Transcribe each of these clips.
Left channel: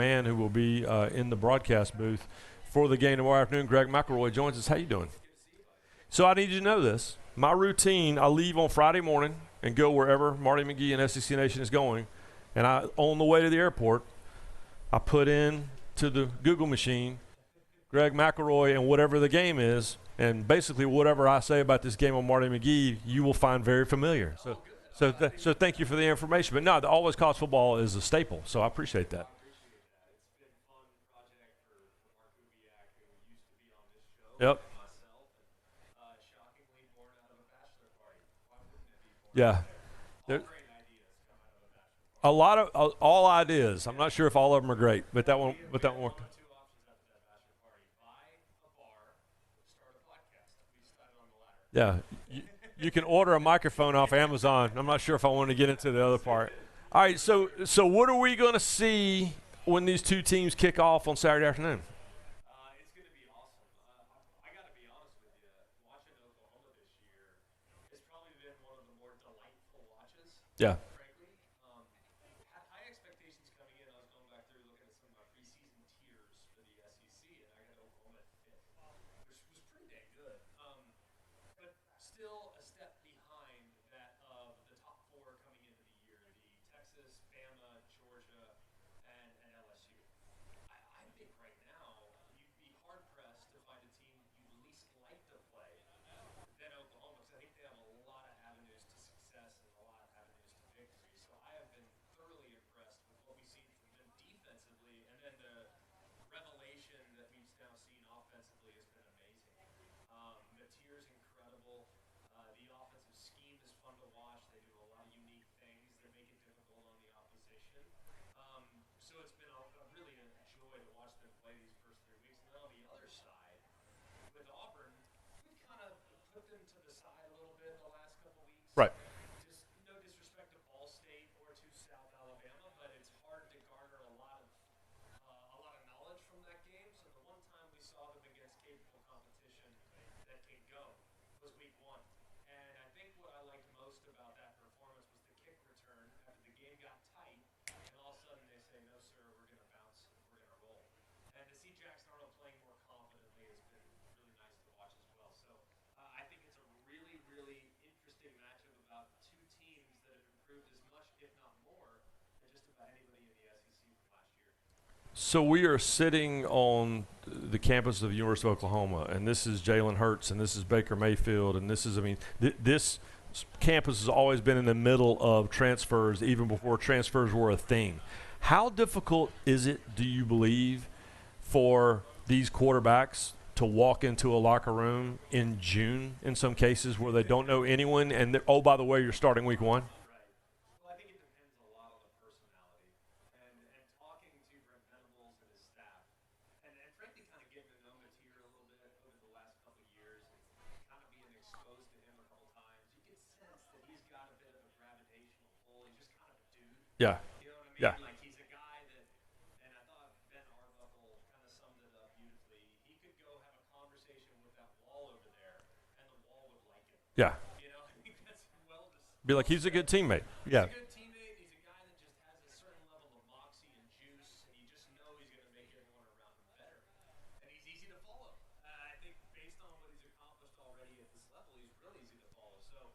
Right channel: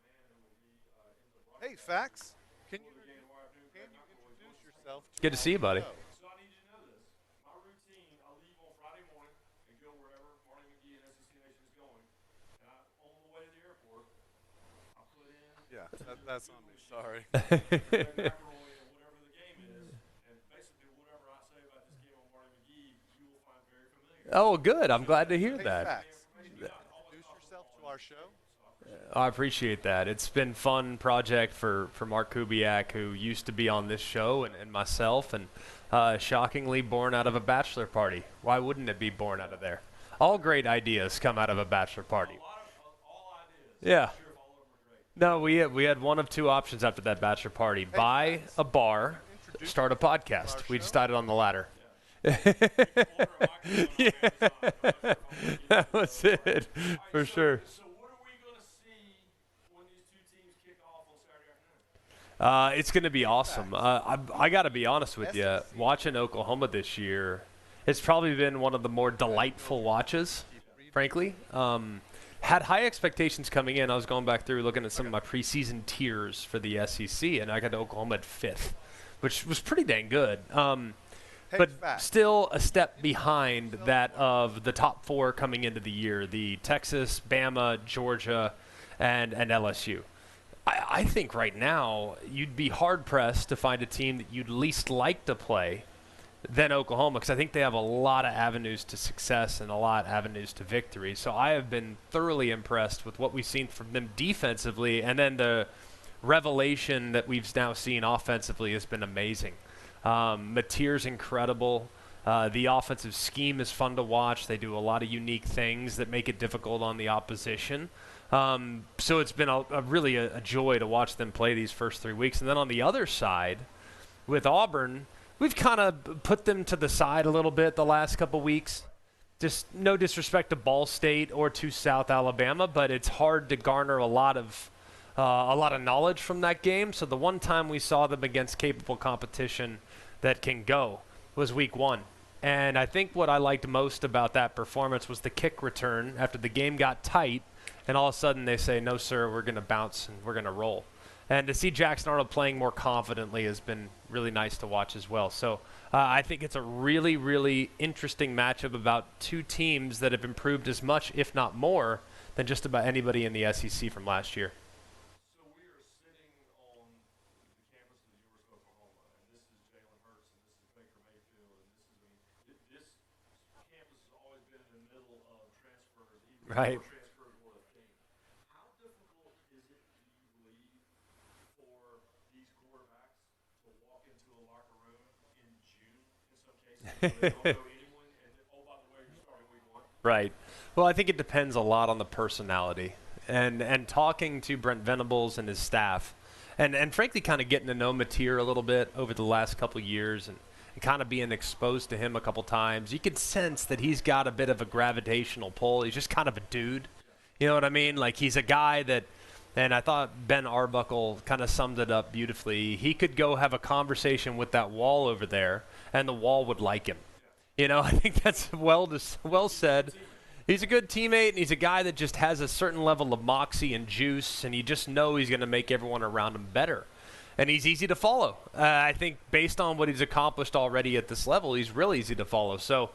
man who will be in the broadcast booth for the game tomorrow afternoon. Greg McElroy joins us. How you doing? Good to see you, buddy. So I need you to know this. My routine, I leave on Friday morning and go wherever Marty McGee and SEC Nation is going. And on the way to the airport, I put in to the Google machine Greg McElroy and whatever the game is. And basically whatever I say about this game on Marty McGee, you will find very familiar. Oh, good. I'm glad to hear that. So thank you for the information. But no, always college football is a staple, so I appreciate that. I appreciate that. It's been a fun project for Mark Kubiak, who used to be on this show, and myself, and shockingly born out of a bachelor party. Why wouldn't it be born out of there? All great ideas come out of a bachelor party. A lot of all ideas. I'm not sure if all of them are great. But no, we had one of two options after that bachelor party. Buy a bar, start a podcast. We decided on the latter. Yeah. You can order a microphone off Amazon. I'm not sure if I want to get into the other part. All right, so what are we going to see when these two teams kick off on Saturday afternoon? It's going to be awesome. I got to be honest with you. Watching Oklahoma this year, it's probably been one of the more delightful watches, frankly. Had high expectations coming in. I was going back through looking at some of my preseason tiers for the SEC, and I got Oklahoma at 5th, which was pretty dang good. But still a step behind that of the top 4 coming into the year, the Texas, Bama, Georgia, and LSU. I think right now you'd be hard-pressed to find a team that you'd least like to play than Oklahoma, because I think they have a lot of avenues to success and a lot of avenues to victory. So I have been thoroughly impressed with what we've seen from them defensively, and then the revelation that we've now seen offensively has been amazing. Mateer's incredible. The offensive scheme is fun to watch. They do a lot of unique things that make it difficult on the opposition. So it's been really a joy to watch them play these first 3 weeks. And then on the other side, with Auburn, we've kind of put them to the side a little bit the last couple weeks. Right. Just no disrespect to Ball State or to South Alabama, but it's hard to garner a lot of knowledge from that game. So the one time we saw them against capable competition that can go was week 1. And I think what I liked most about that performance was the kick return after the game got tight, and all of a sudden they say, no, sir, we're going to bounce and we're going to roll. And to see Jackson Arnold playing more confidently has been really nice to watch as well. So I think it's a really, really interesting matchup about two teams that have improved as much, if not more, than just about anybody in the SEC from last year. So we are sitting on the campus of the University of Oklahoma, and this is Jalen Hurts, and this is Baker Mayfield, and this is, this campus has always been in the middle of transfers, even before transfers were a thing. How difficult is it, do you believe, for these quarterbacks to walk into a locker room in June in some cases where they don't know anyone, and oh, by the way, you're starting week 1? Right. Well, I think it depends a lot on the personality. And talking to Brent Venables and his staff, and frankly kind of getting to know Mateer a little bit over the last couple of years and kind of being exposed to him a couple times, you could sense that he's got a bit of a gravitational pull. He's just kind of a dude. Yeah. You know what I mean? Yeah. Like, he's a guy that, and I thought Ben Arbuckle kind of summed it up beautifully. He could go have a conversation with that wall over there, and the wall would like him. Yeah. You know, I think that's well he's said. A good teammate. He's a good teammate, and he's a guy that just has a certain level of moxie and juice, and you just know he's going to make everyone around him better. And he's easy to follow. I think based on what he's accomplished already at this level, he's really easy to follow. So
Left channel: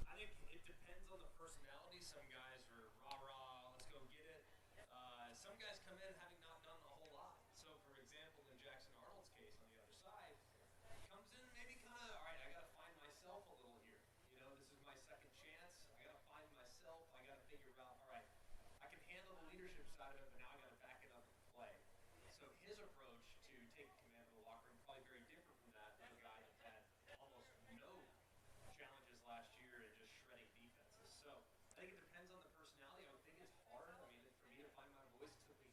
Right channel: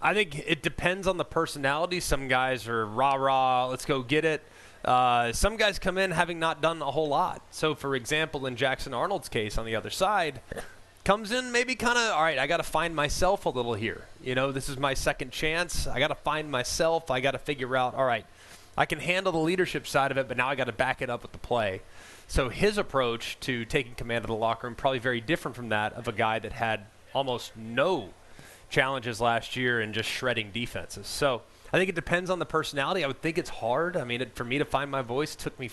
I think it depends on the personality. Some guys are rah-rah, let's go get it. Some guys come in having not done a whole lot. So, for example, in Jackson Arnold's case on the other side, comes in maybe kind of, all right, I got to find myself a little here. You know, this is my second chance. I got to find myself. I got to figure out, all right, I can handle the leadership side of it, but now I got to back it up with the play. So his approach to taking command of the locker room probably very different from that of a guy that had almost no challenges last year and just shredding defenses. So I think it depends on the personality. I would think it's hard. I mean, for me to find my voice took me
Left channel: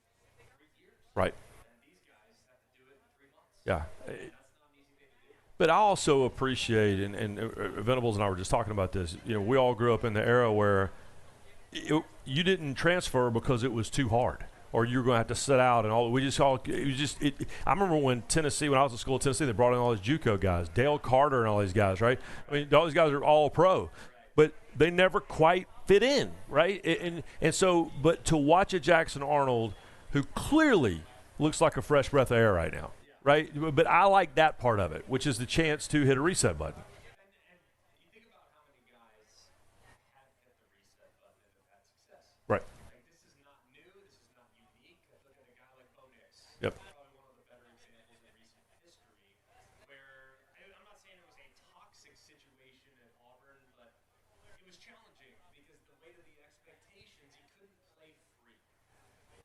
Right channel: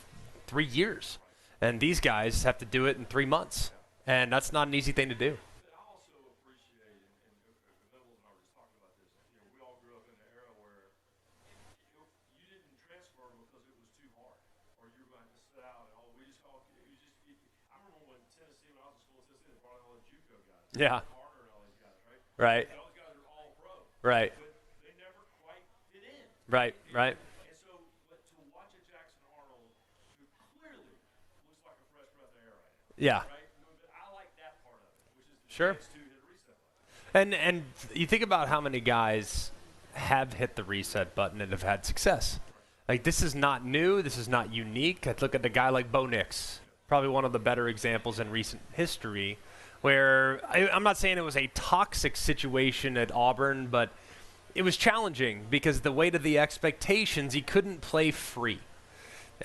3 years. Right. And these guys have to do it in 3 months. Yeah. And that's not an easy thing to do. But I also appreciate, and Venables and I were just talking about this, you know, we all grew up in the era where you didn't transfer because it was too hard, or you were going to have to sit out and all. I remember when Tennessee, when I was at school at Tennessee, they brought in all these JUCO guys, Dale Carter and all these guys, right? Right. I mean, all these guys are all pro. Right. But they never quite fit in, right? Right. And so, but to watch a Jackson Arnold who clearly looks like a fresh breath of air right now. Yeah. Right? But I like that part of it, which is the chance to hit a reset button. And you think about how many guys have hit the reset button and have had success. Right. Like, this is not new. This is not unique. I look at a guy like Bo Nix, probably one of the better examples in recent history, where I'm not saying it was a toxic situation at Auburn, but it was challenging because the weight of the expectations, he couldn't play free.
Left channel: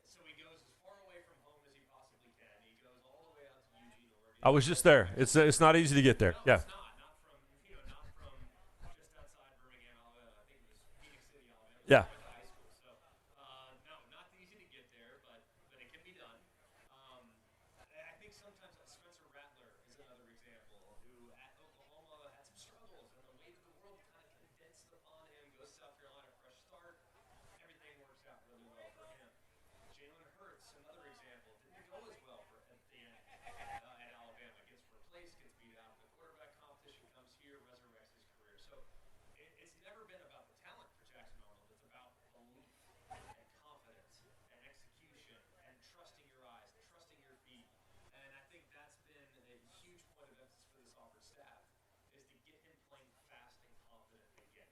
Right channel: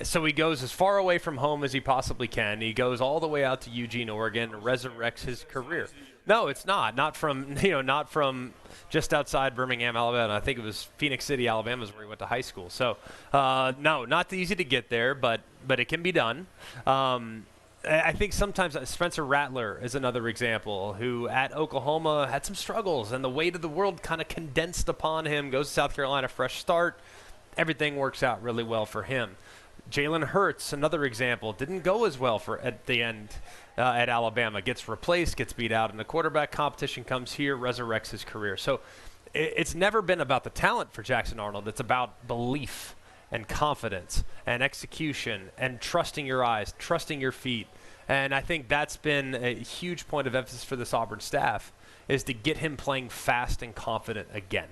So he goes as far away from home as he possibly can. He goes all the way out to Eugene, Oregon. I was just there. It's not easy to get there. No, it's not. Not from just outside Birmingham, Alabama. I think it was Phoenix City, Alabama, is where he went to high school. So no, not easy to get there, but it can be done. I think sometimes Spencer Rattler is another example who at Oklahoma had some struggles, and the weight of the world kind of condensed upon him. Goes to South Carolina, fresh start. Everything works out really well for him. Jalen Hurts, another example, didn't go as well at the end at Alabama. Gets replaced, gets beat out in the quarterback competition, comes here, resurrects his career. So it's never been about the talent for Jackson Arnold. It's about belief and confidence and execution and trusting your eyes, trusting your feet. And I think that's been a huge point of emphasis for this Auburn staff, is to get him playing fast and confident again.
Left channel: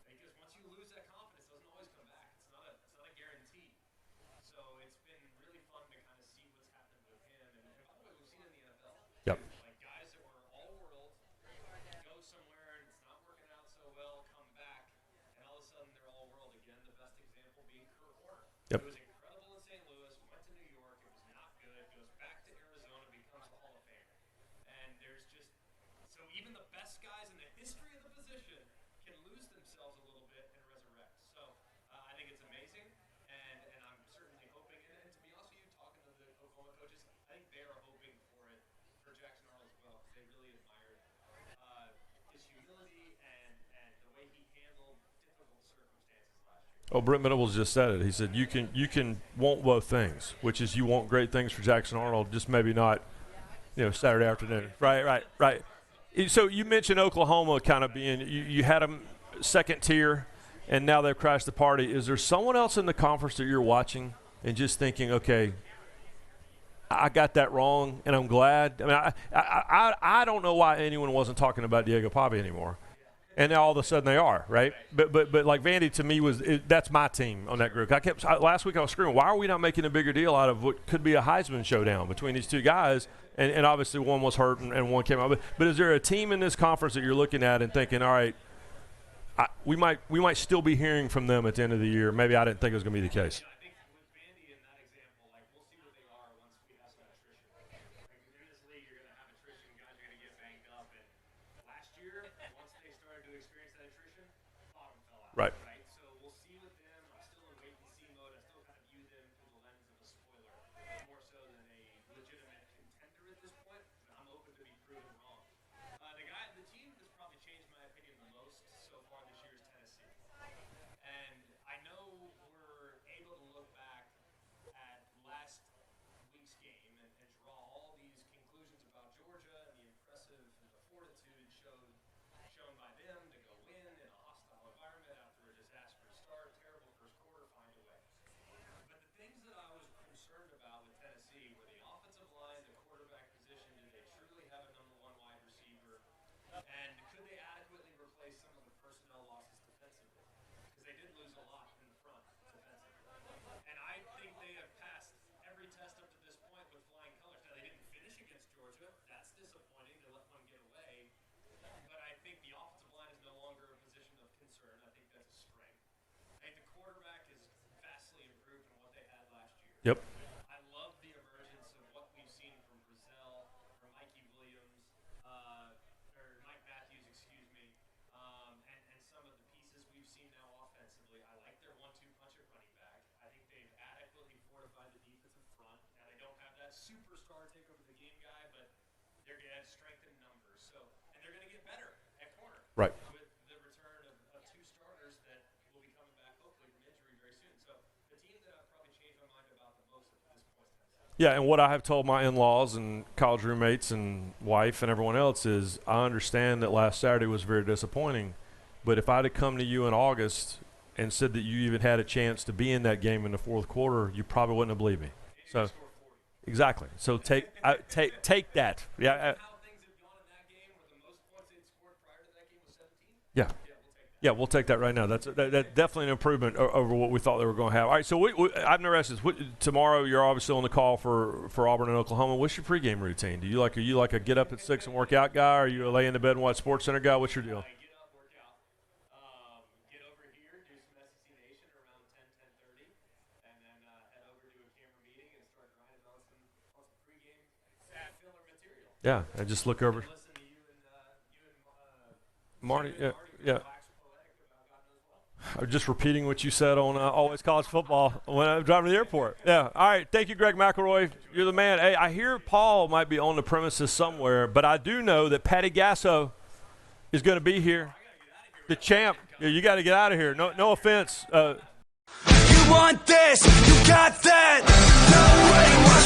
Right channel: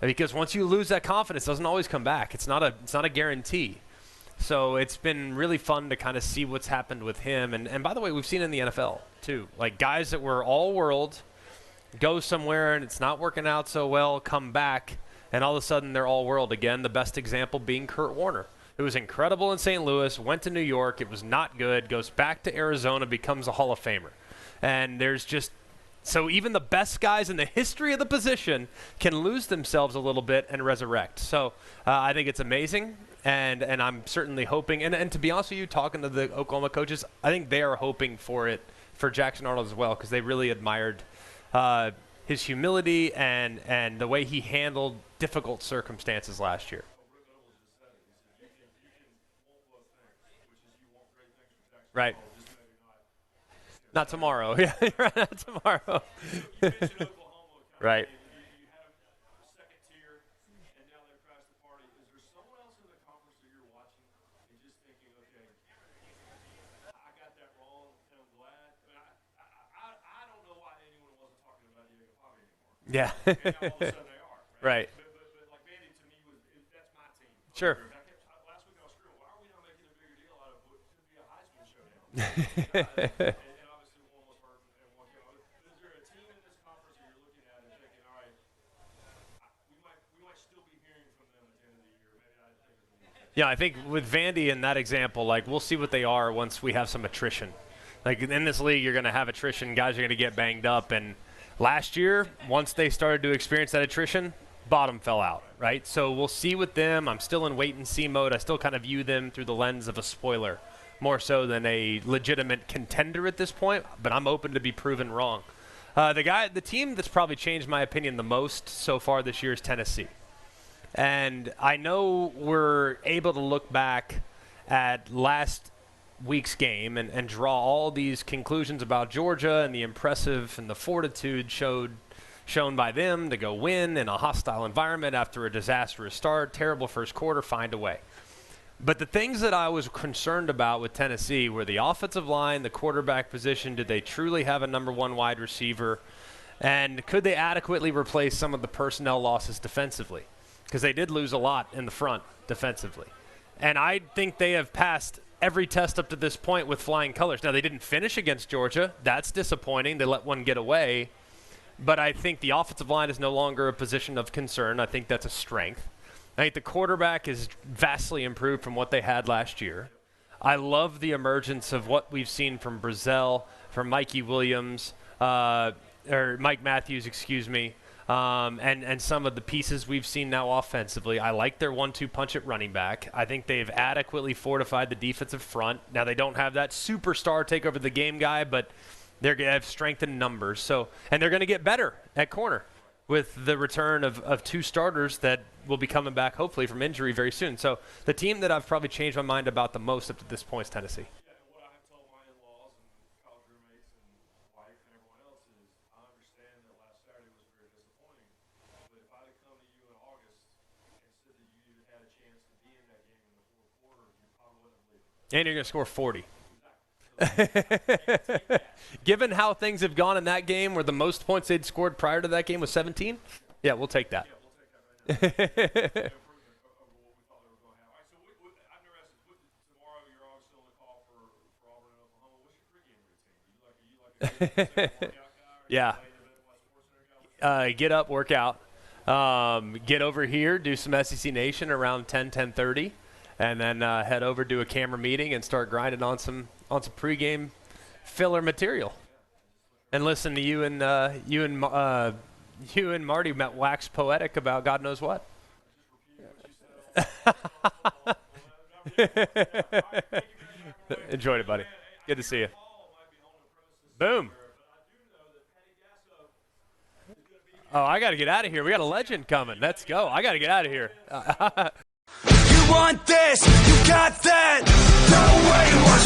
Because once you lose that confidence, it doesn't always come back. It's not a guarantee. So it's been really fun to kind of see what's happened with him. And by the way, we've seen in the NFL, too. Yep. Like, guys that were all-world go somewhere and it's not working out so well, come back, and all of a sudden they're all-world again. The best example being Kurt Warner. It was incredible in St. Louis, went to New York. It was not good, goes back to Arizona, becomes a Hall of Famer. And there's just – so even the best guys in the history of the position can lose themselves a little bit and resurrect. So I think it's amazing. And I'm certainly hoping, and to be honest with you, talking to the Oklahoma coaches, I think they are hoping for it for Jackson Arnold as well, because they really admired his humility and the way he handled difficult circumstances last year. Oh, Brent Venables just said it. He said you can want both things, which is you want great things for Jackson Arnold, just maybe not. Not Saturday tomorrow. afternoon. Yeah. Right. Tomorrow. So you mentioned Oklahoma kind of being, you had them second tier, and now they've crashed the party. Is there someone else in the conference that you're watching and just thinking, okay, I got that wrong, and I'm glad? I mean, I don't know why anyone wasn't talking about Diego Pavia anymore. Yeah. And now all of a sudden they are, right? Right. But like Vandy to me that's my team on that group. Last week I was screaming, why are we not making a bigger deal out of what could be a Heisman showdown between these two guys? and obviously one was hurt and one came out. But is there a team in this conference that you're looking at and thinking, all right, we might still be hearing from them at the end of the year? Maybe I didn't think it was going to be the case. Yeah, I think with Vandy in that example, like, we'll see what they are once we have some attrition. Like, in this league, you're going to have attrition. Guys are going to get banged up. And last year, once they started to experience that attrition, bottom fell out. Right? So we'll see with them. I'm still in wait-and-see mode. I still kind of view them through the lens of a spoiler, more so than a legitimate contender at this point. But I'm open to be proven wrong. The team that's probably changed my opinion the most so far this year is Tennessee. And I know we're able to look back at last week's game and draw all these conclusions about Georgia and the impressive and the fortitude shown by them to go win in a hostile environment after a disastrous start, terrible first quarter, find a way. But the things that I was concerned about with Tennessee were the offensive line, the quarterback position. Did they truly have a number one wide receiver? And could they adequately replace some of the personnel losses defensively? Because they did lose a lot in the front defensively. And I think they have passed every test up to this point with flying colors. Now, they didn't finish against Georgia. That's disappointing. They let one get away. But I think the offensive line is no longer a position of concern. I think that's a strength. I think the quarterback is vastly improved from what they had last year. Yep. I love the emergence of what we've seen from Brazell, from Mikey Williams, or Mike Matthews, excuse me, and some of the pieces we've seen now offensively. I like their 1-2 punch at running back. I think they've adequately fortified the defensive front. Now, they don't have that superstar take over the game guy, but they're going to have strength in numbers. So, and they're going to get better at corner with the return of two starters that will be coming back hopefully from injury very soon. So the team that I've probably changed my mind about the most up to this point is Tennessee. Yeah, and what I have told my in-laws and college roommates and wife and everyone else is I understand that last Saturday was very disappointing, but if I'd have come to you in August and said that you even had a chance to be in that game in the fourth quarter, you probably wouldn't have believed me. And you're going to score 40. Exactly. So take that. Yeah, Given how things have gone in that game, where the most points they'd scored prior to that game was 17. Yeah, we'll take that. Yeah, we'll take that right now. That's definitely an improvement over what we thought they were going to have. All right, so I'm interested. Tomorrow you're obviously on the call for Auburn and Oklahoma. What's your pregame routine? Are you like a get up at 6 and work out guy, or are you a lay in the bed and watch SportsCenter guy? What's your deal? Get up, work out, get over here, do some SEC Nation around 10:30. And then head over to a camera meeting and start grinding on some pregame filler material. Yeah, and just look over and listen to you and Marty wax poetic about God knows what. I'm just repeating what you said on Always College Football when I'm driving to the airport. Yeah. All right. Thank you, Greg McElroy. Enjoy. You're the man. Hey, I hear Paul might be on the premises somewhere, but I do know that Patty Gasso is going to be here. Oh, I got to get out of here. We got a legend coming. You got to get out of here. I got to get out of here. No offense. You want this, you got that. No way, watch